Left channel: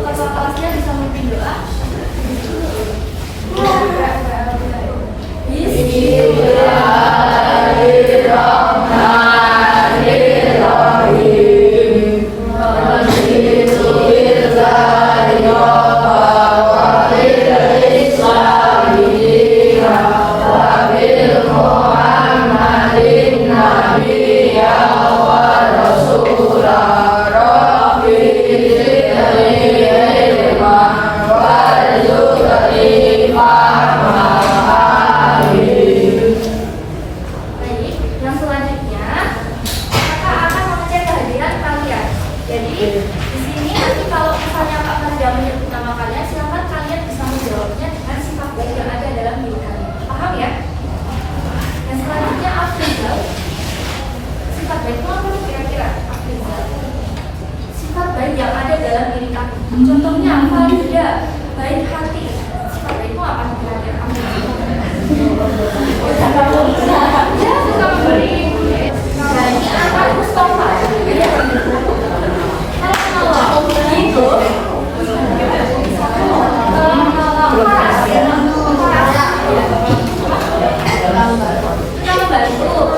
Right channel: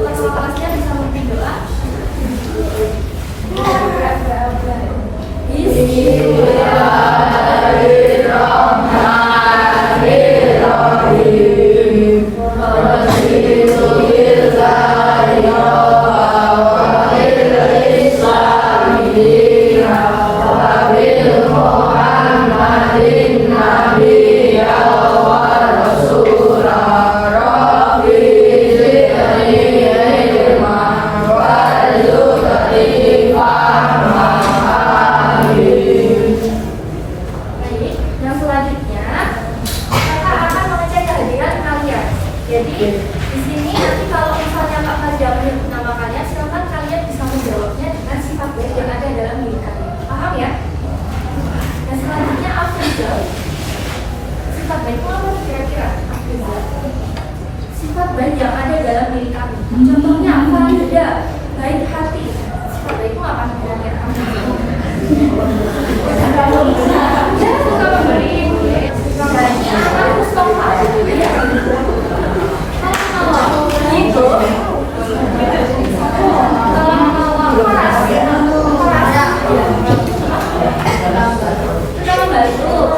ketua kelasnya bisa memimpin doa. Contohnya apa? Beda, baik hati. Sifat baik itu apa? Kira-kira kamu suka memberi. Dan ini apa? Mustafa. Kalau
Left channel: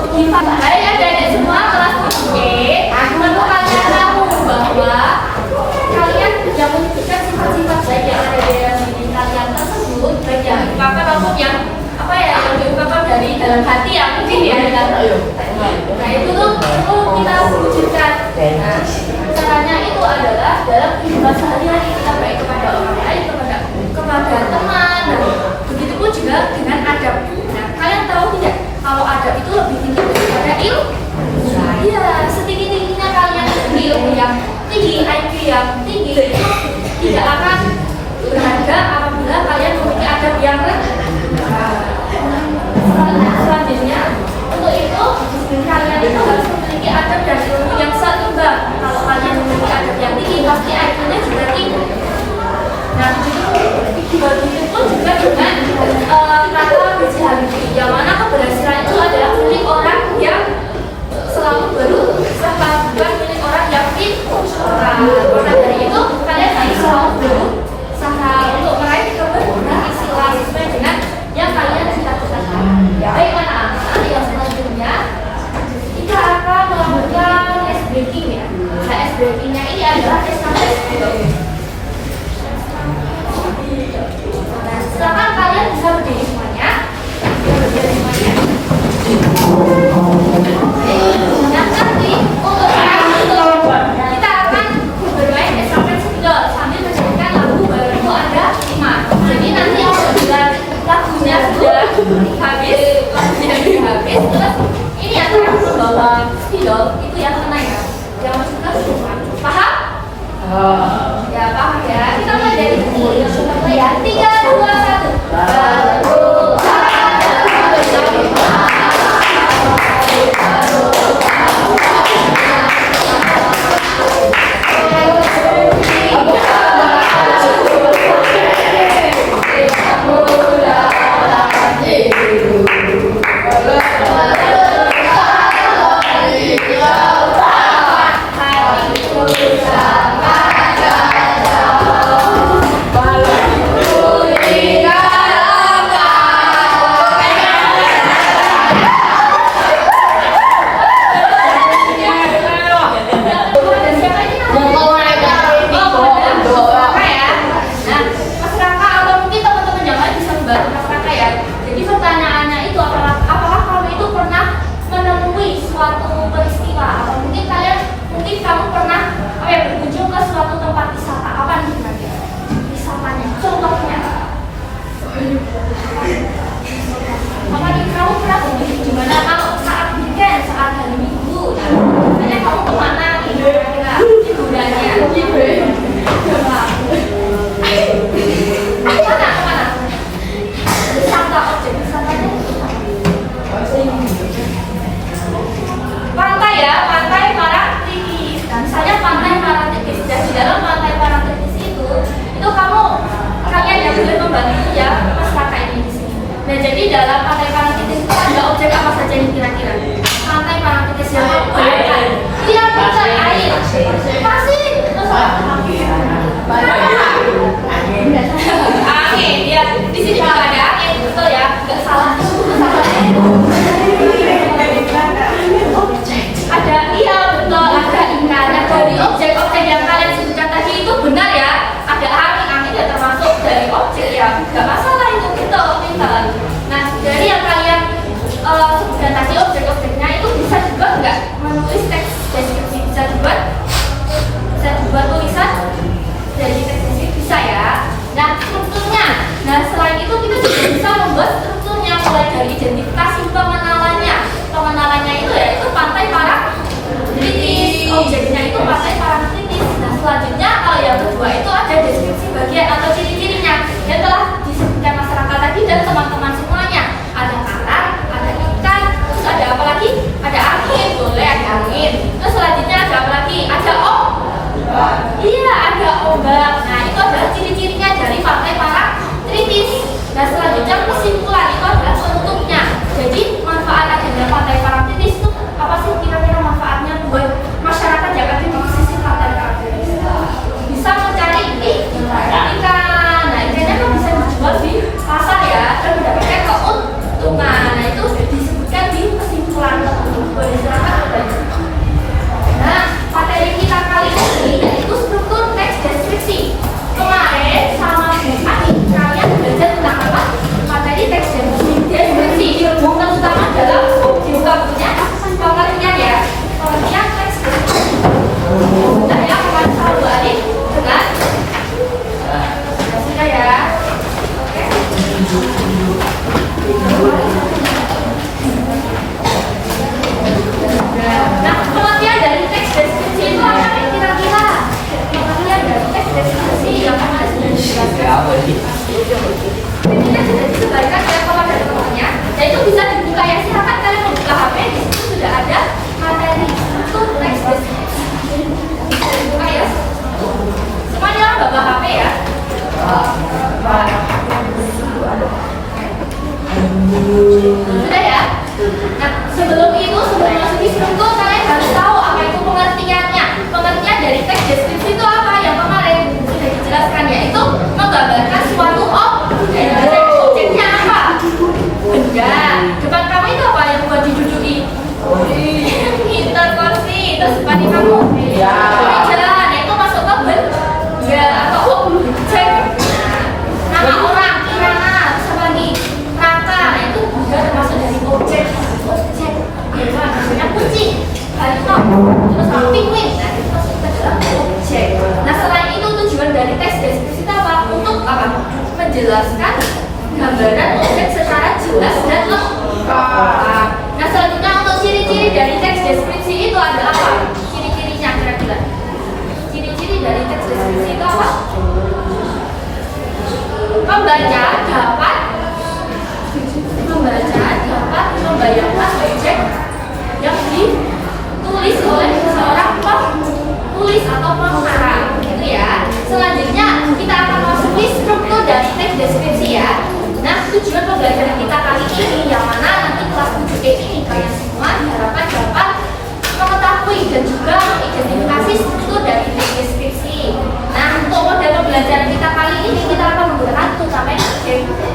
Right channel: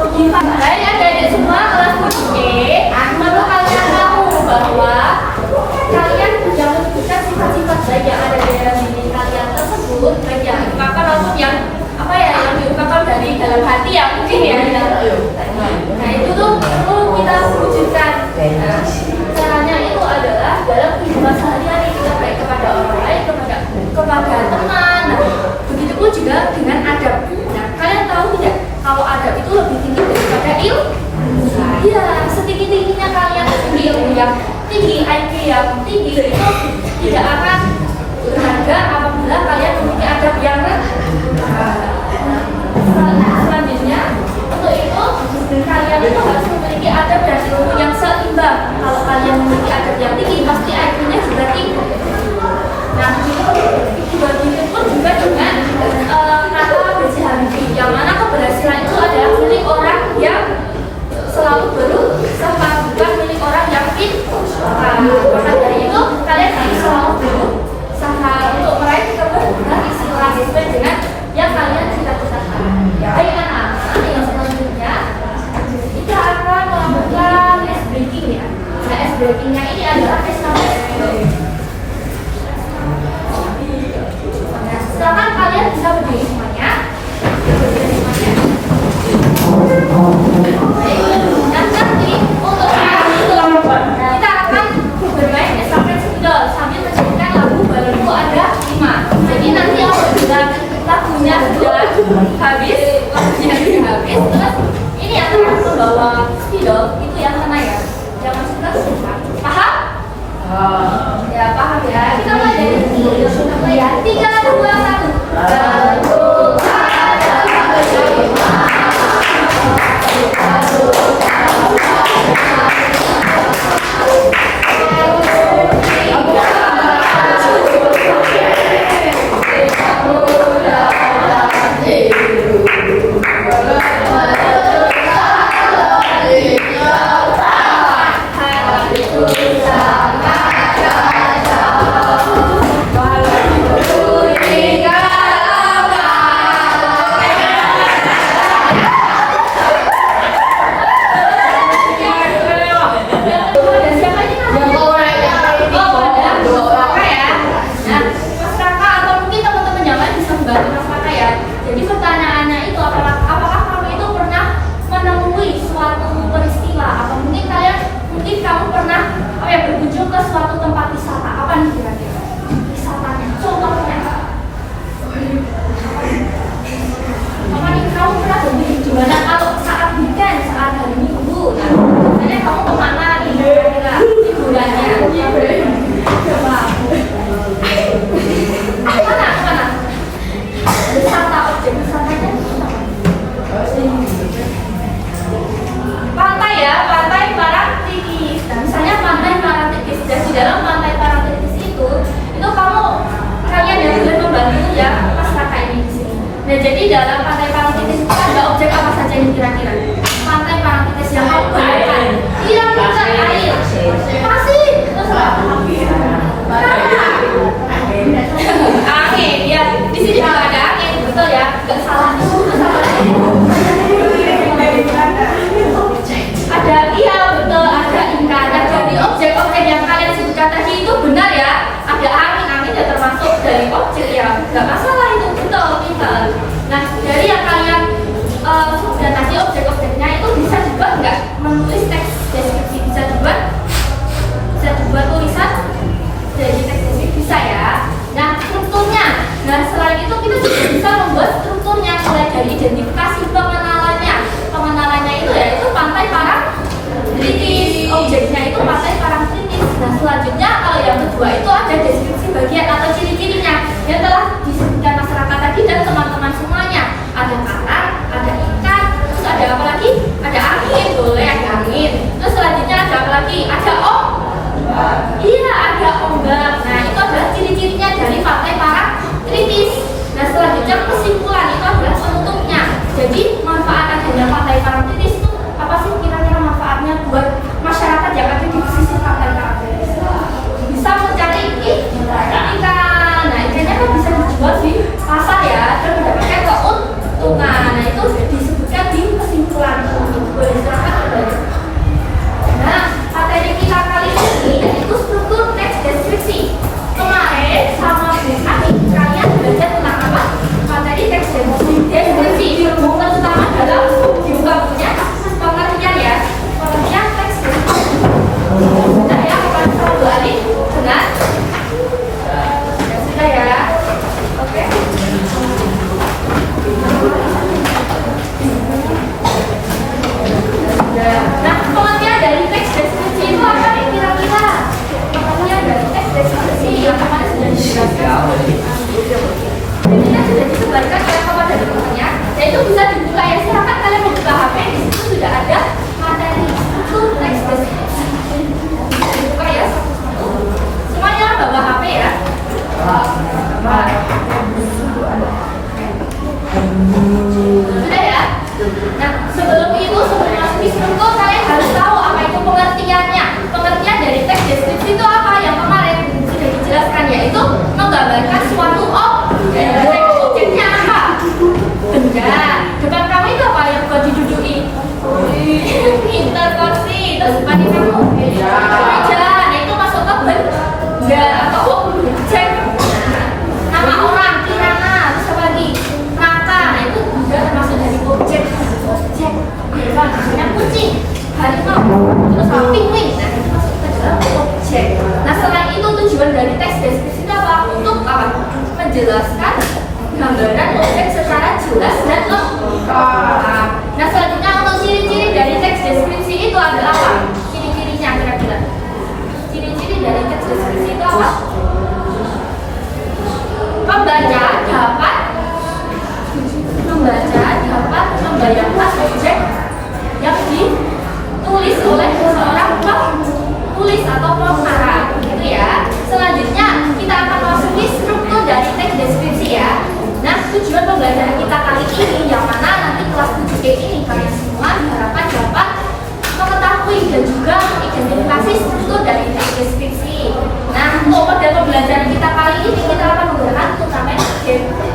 itu baik adik-adik semua kelas 7E, perlu kalian tahu bahwa kalian sudah menyebutkan sifat-sifat baik yang ada di dalam diri kalian tersebut, baik yang diungkapkan maupun yang apa ya, yang diungkapkan dari dalam hati ya mungkin ya. Nah itu tuh perlu kita wujudkan. Nah, caranya itu adalah dalam kehidupan sehari-hari kita baik kepada orang lain, kepada teman. Nah, begitupun juga dengan adab. Nah, kalian tahu tidak kalau adab itu lebih tinggi daripada ilmu? Iya, setinggi-tingginya kalian tinggi ilmu yang tinggi, IQ yang tinggi itu tidak akan berharga apabila kalian memiliki adab yang rendah. Selanjutnya, untuk itu kalian itu harus memiliki adab dan ilmu yang seimbang. Kalau kalian memiliki adab yang tinggi, pasti IQ-nya juga tinggi. Nah, begitu pun juga dengan kata bersih Habibie, yang mana keberhasilan itu adalah milik orang yang selalu berusaha, bukan milik orang yang pintar. Maka dari itu kalian harus selalu berusaha untuk meraih keberhasilan istilah sesuai dengan yang kalian cita-citakan. Baik anak-anak, yang selanjutnya kita akan melakukan ice breaking ya. Nah, ice breakingnya ini adalah tes materi. Nah, sekarang kalian bisa berdiri semuanya. Nah, nanti untuk kita akan bermain estafet spidol sambil menyanyikan lagu Badanku Ada 5. Jadi nanti apabila lagunya sudah habis, terus ini yang akan membawa spidol itu yang mana ya? Yang masuk ke depan. Paham? Ya paham ya. Kita mulai dari sini. Ya 3, 2, 1. Hati ku sama yang kemarin sudah dijelaskan ini sudah disebarkan oleh kepada teman-temannya, dan itu bisa dibuka ya. Silakan kalian membuka HP, di situ sudah ada materi untuk teks deskripsi. Bisa dibuka ya. Semuanya bawa HP ya. Sudah ya. Nah, sebelum masuk di struktur, kalian harus tahu apa itu pengertiannya. Pengertian dari teks deskripsi itu apa? Yang kemarin sudah dijelaskan, yaitu menggambarkan suatu objek. Objeknya apa? Benda. Depan kamu itu apa yang buat diduduki? Pintar kursi. Terus depan kamu meja. Nah, itu masuk ke benda atau objek. Nama orang, kirana, terus apa lagi? Rangka. Nah, itu juga termasuk dari objek. Objek. Misalnya kucing, harimau, terus penguin. Nah, itu masuk ke dalam objek. Nah, selain itu tujuan dari teks deskripsi itu apa? Untuk apa? Menjelaskan gambaran objek secara jelas dan lengkap. Nah, selanjutnya untuk ciri-ciri dari teks deskripsi itu ada apa? Ciri-cirinya kira-kira. Ciri-ciri dari teks deskripsi itu apa? Pembaca dapat membayangkan objek yang ditulis oleh seseorang penulis atau pengarang, gitu ya. Selanjutnya kita akan masuki struktur dari teks deskripsi ya. Nah, tujuan pembelajaran kita kali ini yang mana nanti kelas 7E ini kalian semua diharapkan dapat mengetahui dan juga mengidentifikasi struktur dari teks deskripsi. Nah, untuk model pembelajaran kita kali ini kita akan menggunakan turnamen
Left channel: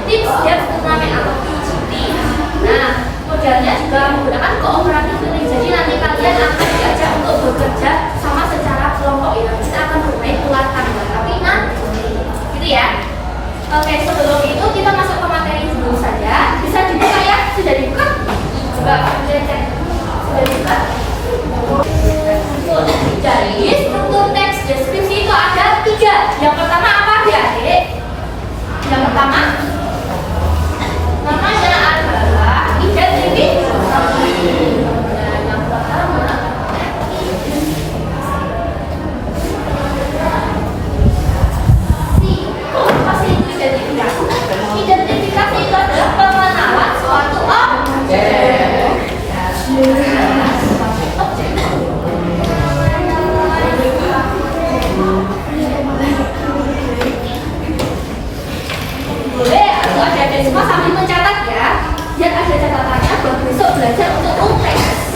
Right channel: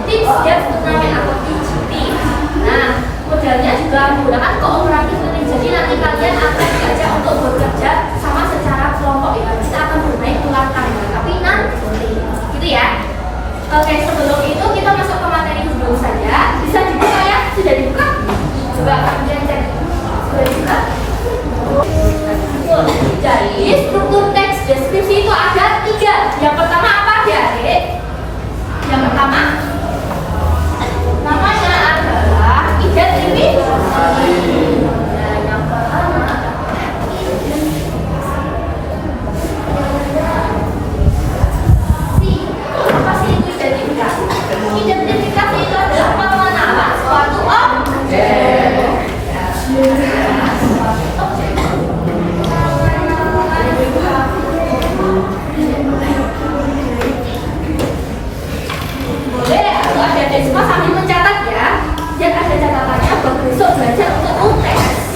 tips dan turnamen IGP. Nah, modelnya juga menggunakan kooperatif learning. Jadi nanti kalian akan diajak untuk bekerja sama secara kelompok ya. Kita akan bermain ular tangga, tapi nanti gitu ya. Oke, sebelum itu kita masuk ke materi dulu saja. Bisa dibuka ya? Sudah dibuka? Coba kalian cek. Sudah dibuka? Jadi struktur teks deskripsi itu ada 3. Yang pertama apa adik? Yang pertama namanya adalah identifikasi. Nah, yang pertama apa sih itu identifikasi? Identifikasi itu adalah pengenalan suatu objek. Boleh atau adik-adik semua sambil mencatat ya, biar ada catatannya buat besok belajar untuk UTS.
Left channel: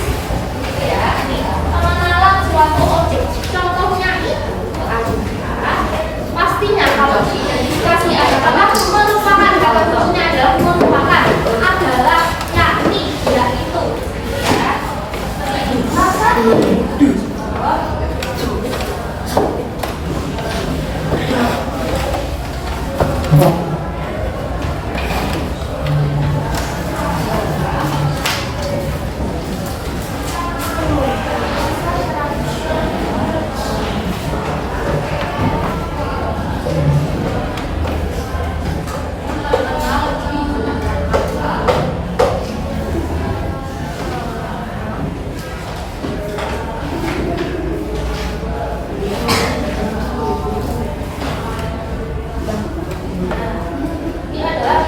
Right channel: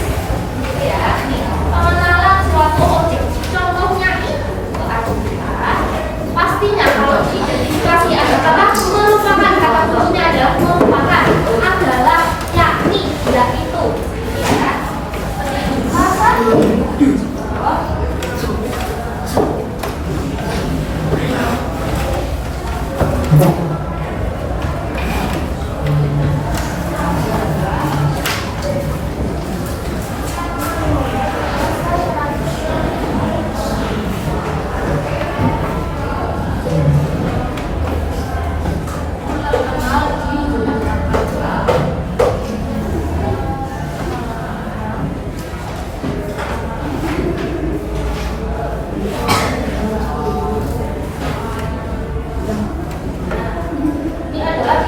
Gitu ya. Nih, pengenalan suatu objek. Contohnya ini adalah pastinya kalau diidentifikasi ada kata merupakan, kata kunci adalah merupakan, adalah, yakni, yaitu. Ya.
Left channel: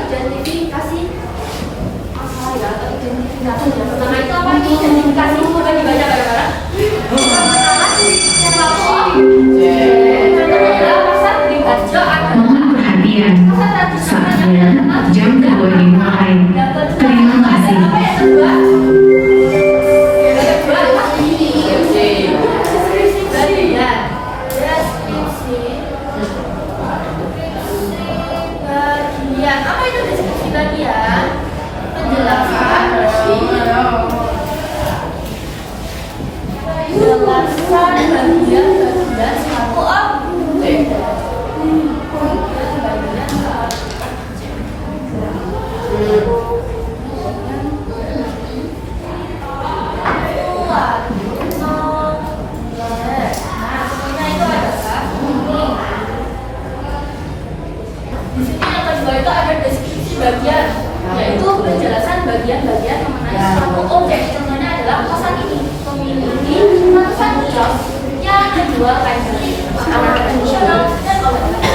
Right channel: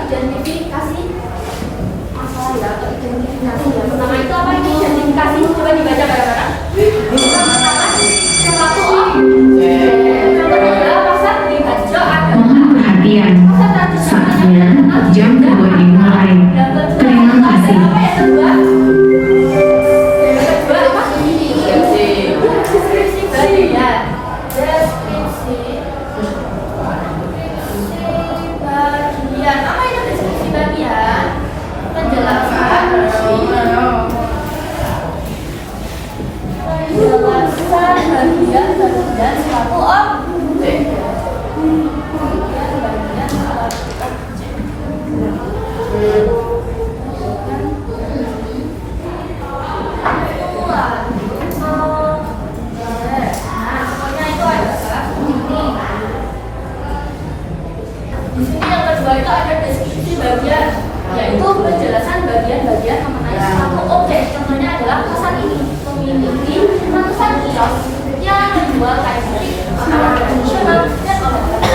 Identifikasi apa ya? Atau identifikasi yang pertama itu apa ini? Identifikasi, coba dibaca bareng-bareng. Pertama-tama suatu objek. Contohnya adalah pasar di Harjo adalah perhatian. Saatnya jam 2 dimulai. Terima kasih. Apa yang kedua? Yang kedua apa? Deskripsi bagian. Deskripsi bagian. Apa itu deskripsi bagian? Penjelasan bagian suatu objek. Bagian suatu objek. Nah, pokoknya itu adalah ini. Di sini yang kedua itu ada deskripsi bagian, yaitu penjelasan bagian-bagian mengenai suatu objek. Contohnya adalah kosan ini memiliki ratusan kios yang menjual kain batik, makanan tradisional, dan obat-obatan.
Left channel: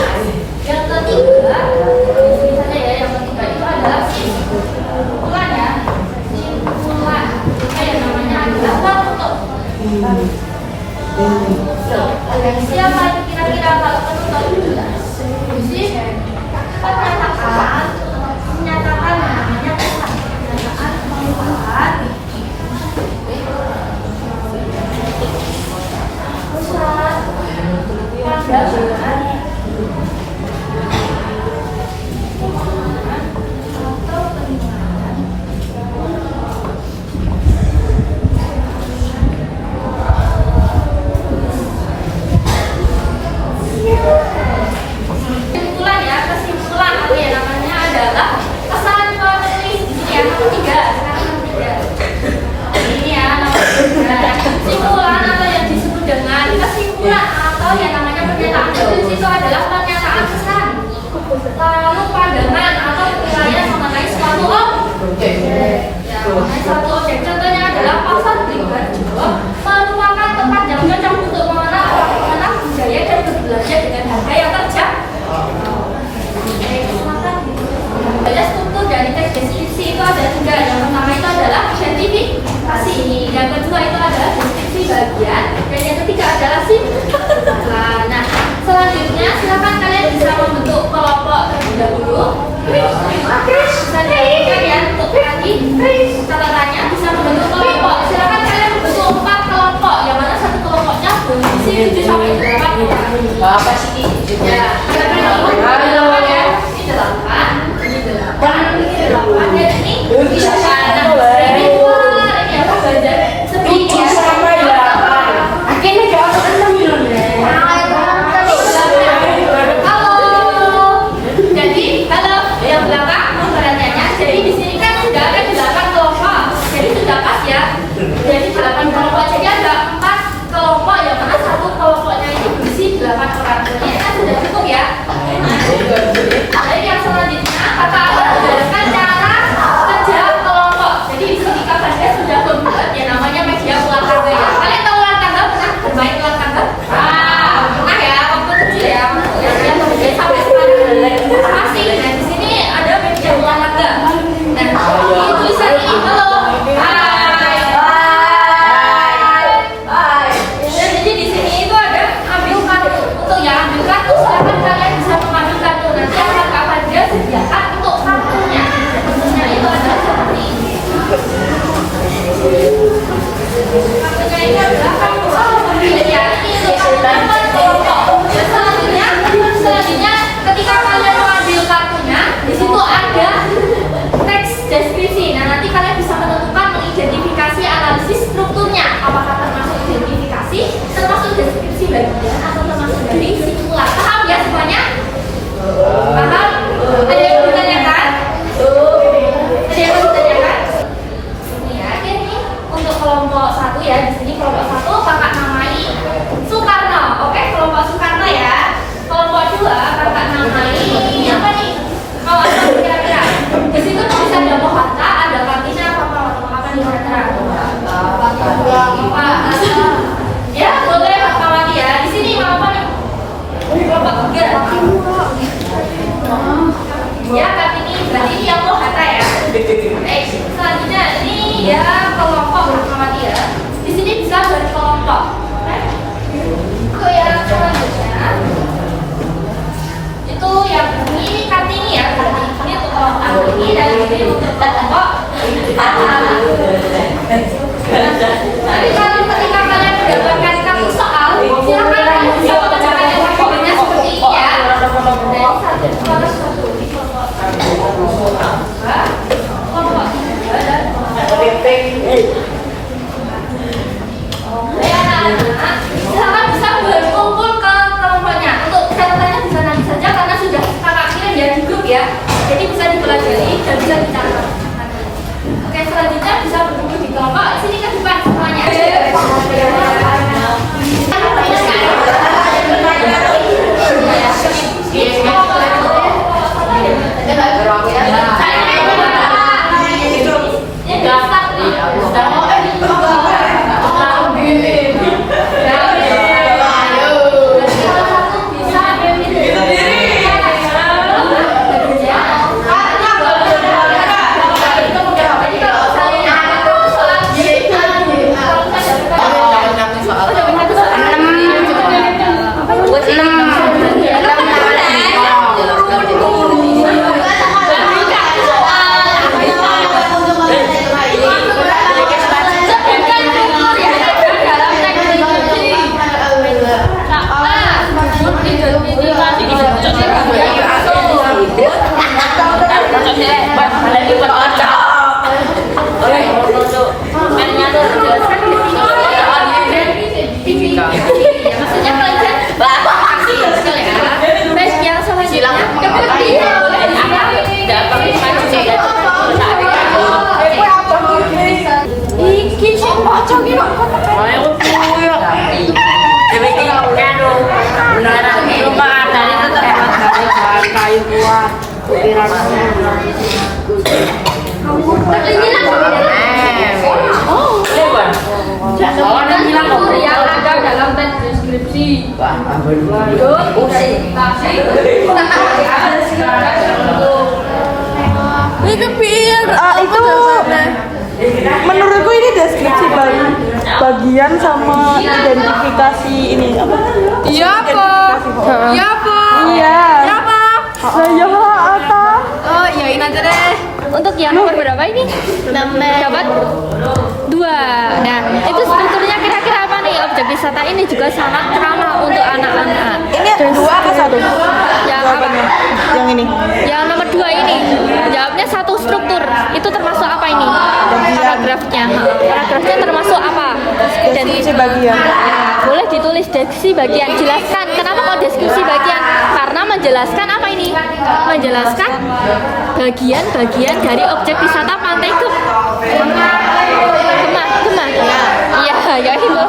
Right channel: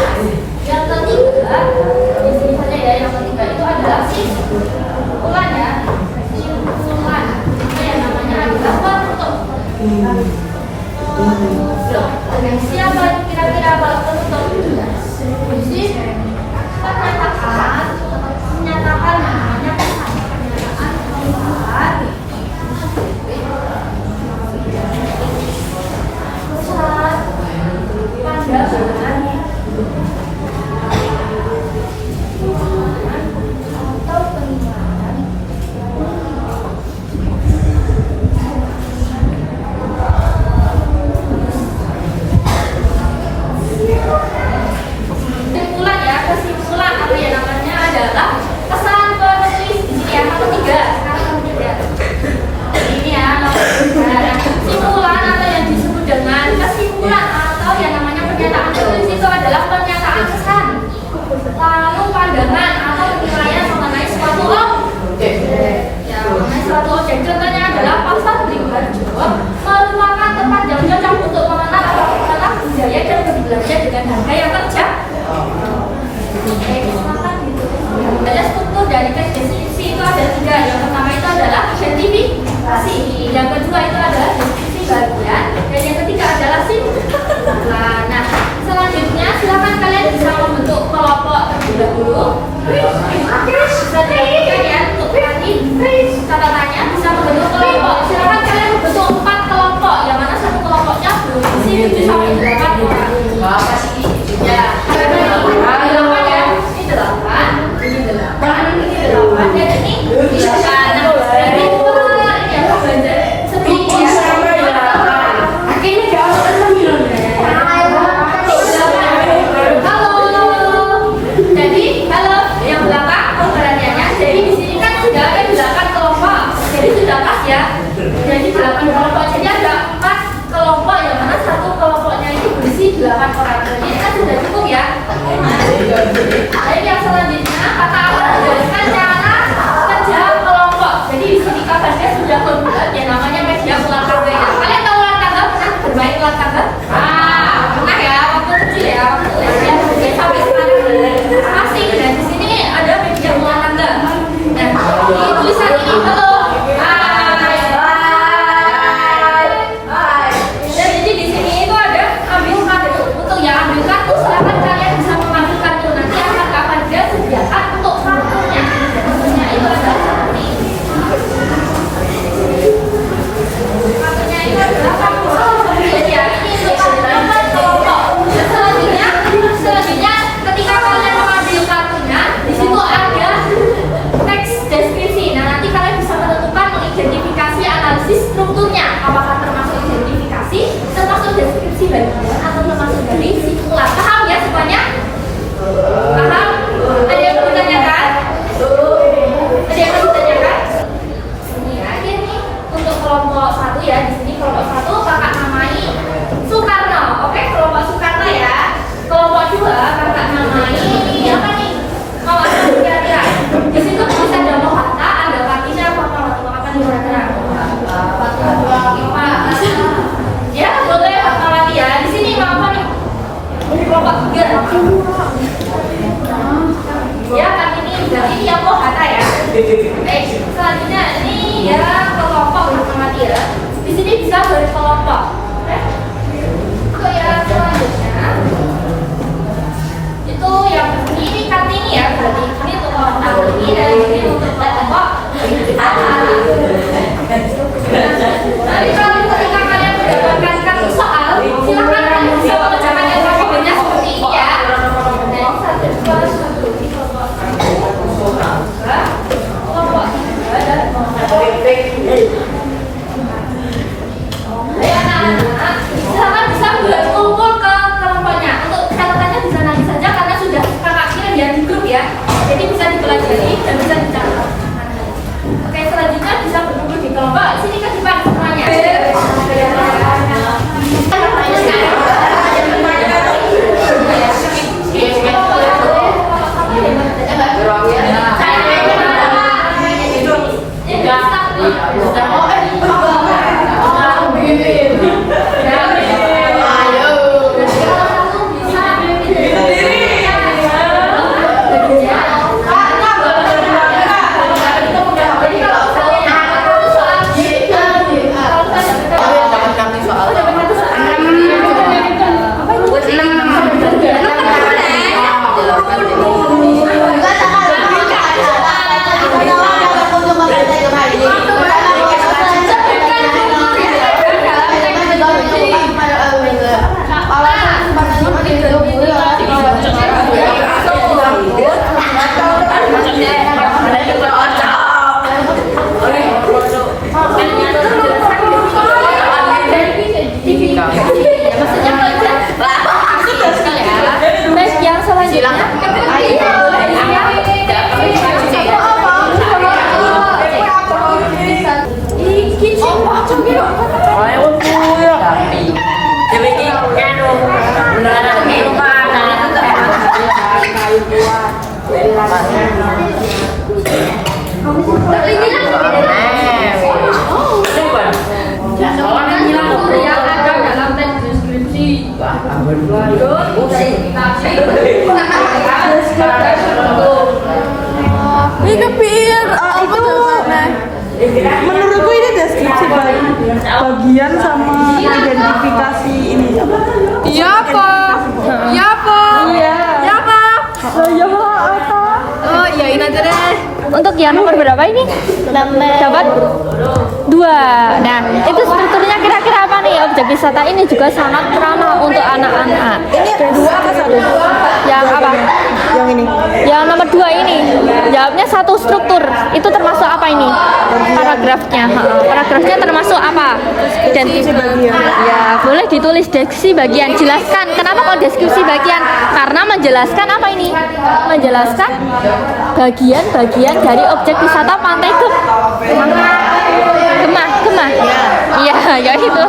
atau penularan. Kesimpulan apa ya namanya adalah pesan penulis di sini ya, nomor 3. Sekarang nomor 3. Ini ya, kesimpulan atau yang disebut dengan kesimpulan atau yang namanya pernyataan tertulis itu adalah pernyataan kesan, lalu pandangan atau penilaian mengenai suatu objek. Ya, mengenai suatu objek. Contohnya adalah pasar berikan jawab merupakan tempat yang cocok untuk mengenal bagaimana budaya dan berbelanja dengan harga yang terjangkau. Ada struktur dari teks deskripsi itu ada 3. Yang pertama itu adalah identifikasi, yang kedua itu adalah deskripsi bagian, dan yang ketiga adalah simpulan. Nah, selanjutnya silakan kalian bisa membentuk kelompok terlebih dahulu. Bisa dilakukan ya untuk tadi catatannya bisa membentuk kelompok. Silakan kalian membentuk 4 kelompok, yang mana satu kelompoknya berisi 7 sampai 8 orang. Apa sih? Ya, ada 8 ya. Ini 8. Dan ini 8 dan ini 9. Jadi ya seperti sama ya. Akhirnya jangan halo. Jadi halo yang berapa pemberaniannya? Jadi di sini kan sudah ada 8 kelompok. Jadi sudah pas ya. Jadi 8 kelompok. Jadi ada 4 kelompok yang mana satu kelompoknya itu berisi 8 orang. Ini kan sudah cukup ya. Jadi yang selanjutnya kata menjelaskan cara kerja kelompok. Jadi di sini kabarnya sudah membuat yang namanya media ulang tangga ya. Kalian tahu ulang tangga? Pernah bermain ulang tangga? Pernah ya, waktu kecil ya, kemudian sampai sekarang masih. Dan di sini ada media ulang tangga. Nah, di tulisan ini halo. Dan jadi di sini itu ada ambil kartu. Untuk yang ambil kartu silakan kalian bisa mengambil kartu. Nanti akan kapan dia sediakan untuk kartunya. Kartunya itu adalah seperti ini. Kartunya itu adalah kartu. Jadi ya ini untuk kelompok. Dan selanjutnya ketika kalian mengambil kartunya, di situ ada teks deskripsi. Nah, nanti kalian bisa menentukan mengidentifikasi analisis strukturnya. Apakah termasuk identifikasi, termasuk deskripsi bagian, atau termasuk dari simpulan. Paham ya semuanya? Paham? Ada yang mau ditanyakan? Ada yang mau ditanyakan? Ya, ini untuk kelompok 1 ya. Di sini kelompok 1 kakak namai Soekarno. Oke, kelompok Soekarno ya. Kelompok 2 kakak namai apa nih? Mau apa kira-kira? Di situ tulisan ada Hatta, ada Kartina, apa nih kira-kira? Ya, boleh Fatmawati ya. Di sini mau apa nih? Kelompok 3. Ya, kan ini berarti ini yang mau kata ya. Selanjutnya ini ya kelompok Fatmawati ya. Di sini bisa berkelompok. Untuk yang selanjutnya itu yang ini Kartini ya. Berarti ini untuk kelompok Kartini dan ini untuk kelompok Nanti kalau ketika kalian mendapatkan kartu soal, silakan kalian bisa mengerjakan yang kelompoknya seperti ini ya. Dan kelompok 3 dan anak-anak silakan bisa berkumpul ke kelompoknya. Untuk catatannya bisa nanti saja karena sudah kakak kirim ya di grup ya. Jadi bisa dipelajari dan bisa dicatat. Oke, selanjutnya bisa berkumpul di kelompok. Sini ke depan semuanya. yang selanjutnya boleh disiap. Iki siapa coki kok? Ayo kuyo. Dewe iki karo beneran iki mana kayu buat. Yang ada dalam deskripsi. Ini kepiye itu menurutku ini deskripsi bagian sama identifikasi ini. Iya apa? Iya apa? Iya. Iya apa? Ya apa? Oh, iyain aja deh. Untuk yang nomor berapa ini? Dapat 2. Nah, itu strukturnya kira-kira apa nih? Objek wisata ini juga sangat ramah untuk anak-anak. Ini 2 atau 1? Yang apa? Yang ini. Yang nomor 2 ini jawabnya satu struktur. Itu termasuk apa ini? Paragrafnya. Paragrafnya termasuk apa? Deskripsi bagian. Ya, boleh ditulis deskripsi bagian. Jelaskan kenapa mau deskripsi bagian? Karena menjelaskan apa ini? Menjelaskan bagian-bagian dari objek wisata Pantai Gem. Iya, kayak gitu.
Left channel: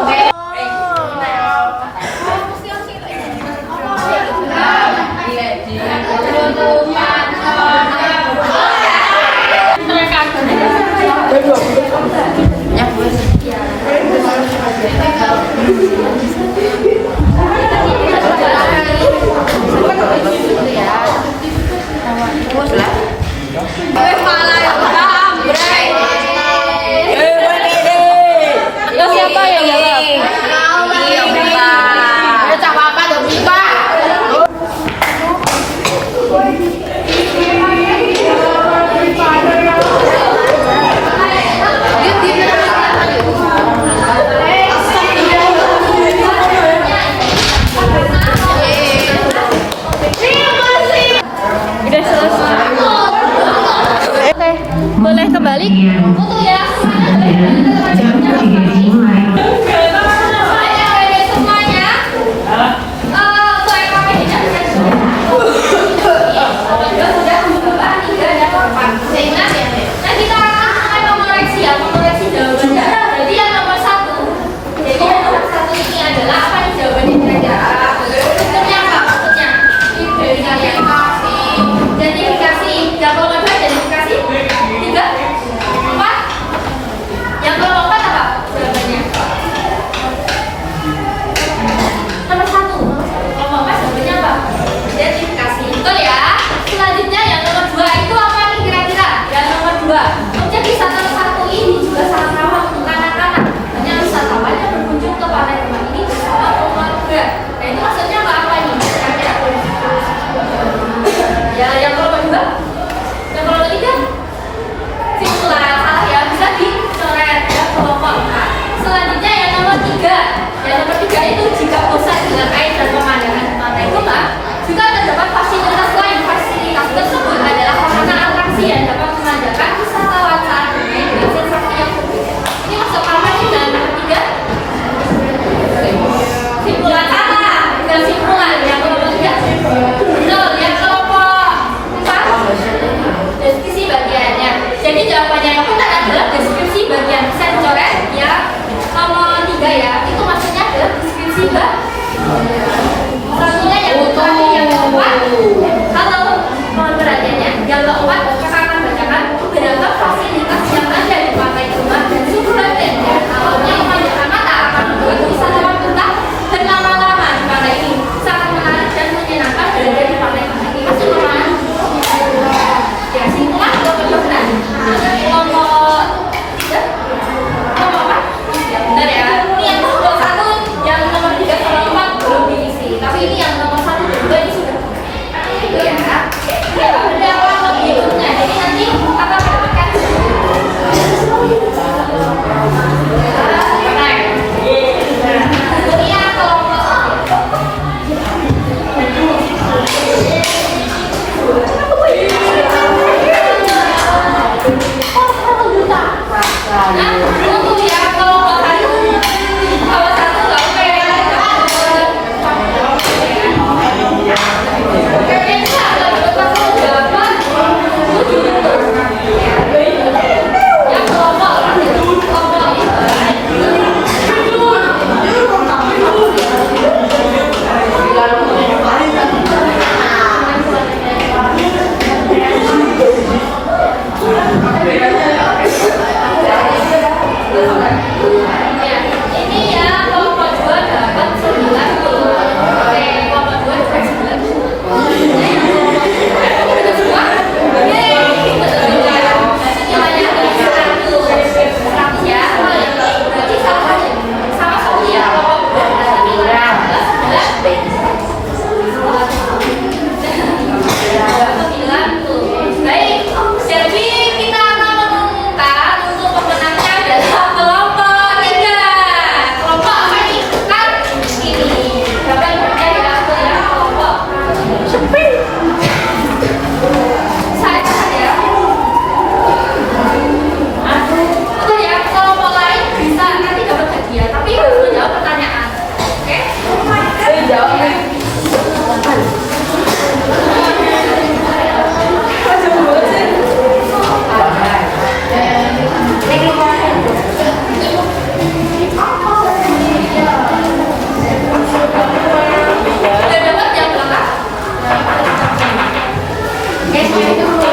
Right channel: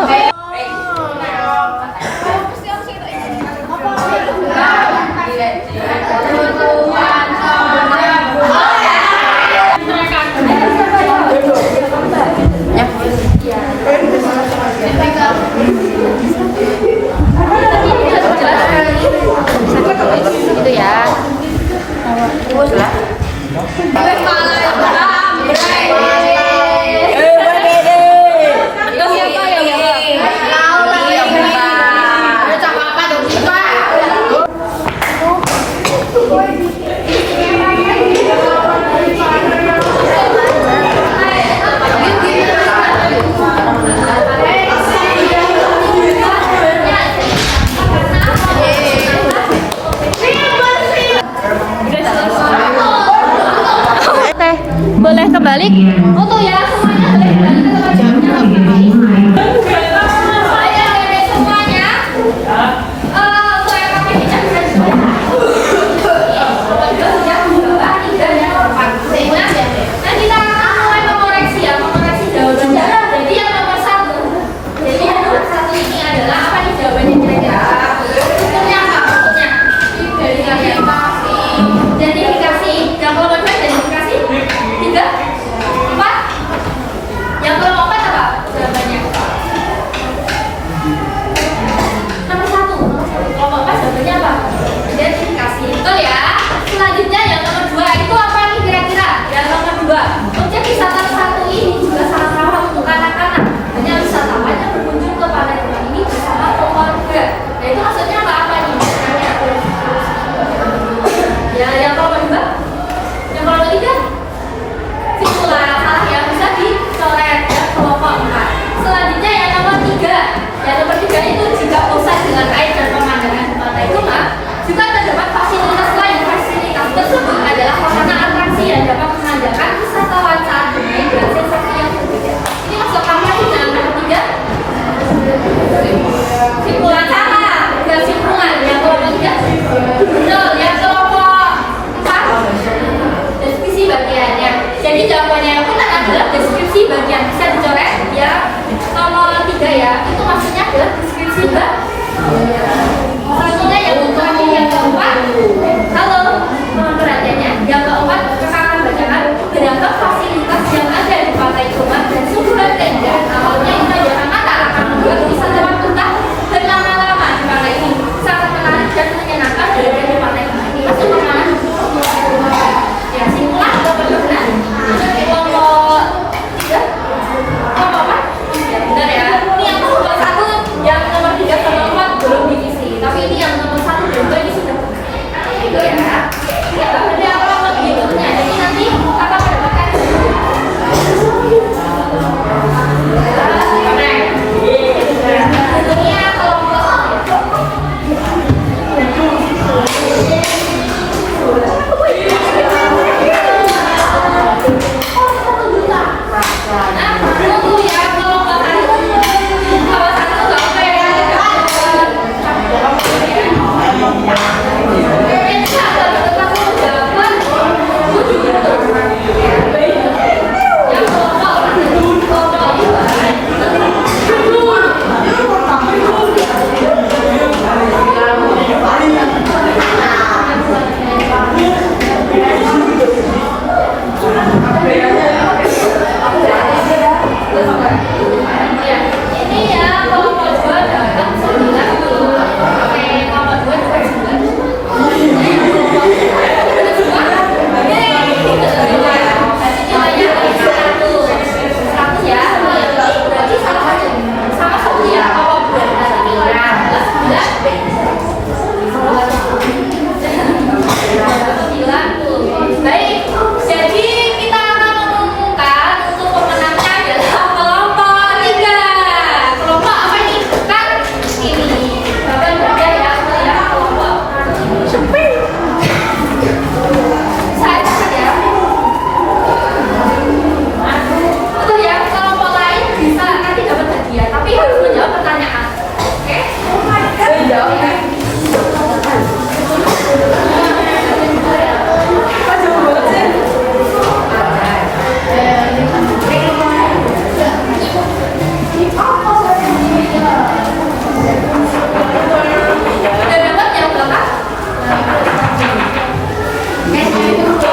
Baik, untuk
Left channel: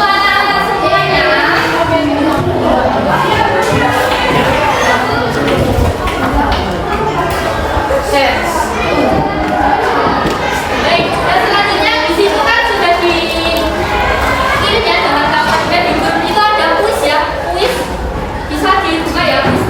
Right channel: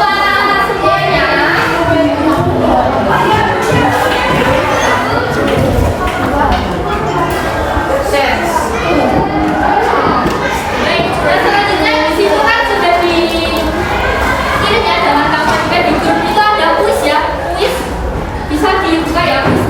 anak-anak semuanya. Baik, dan selanjutnya di situ kan sudah dikirim ya dalam kampanye itu ada kuis ya, kuis bisa dibuka ya kuis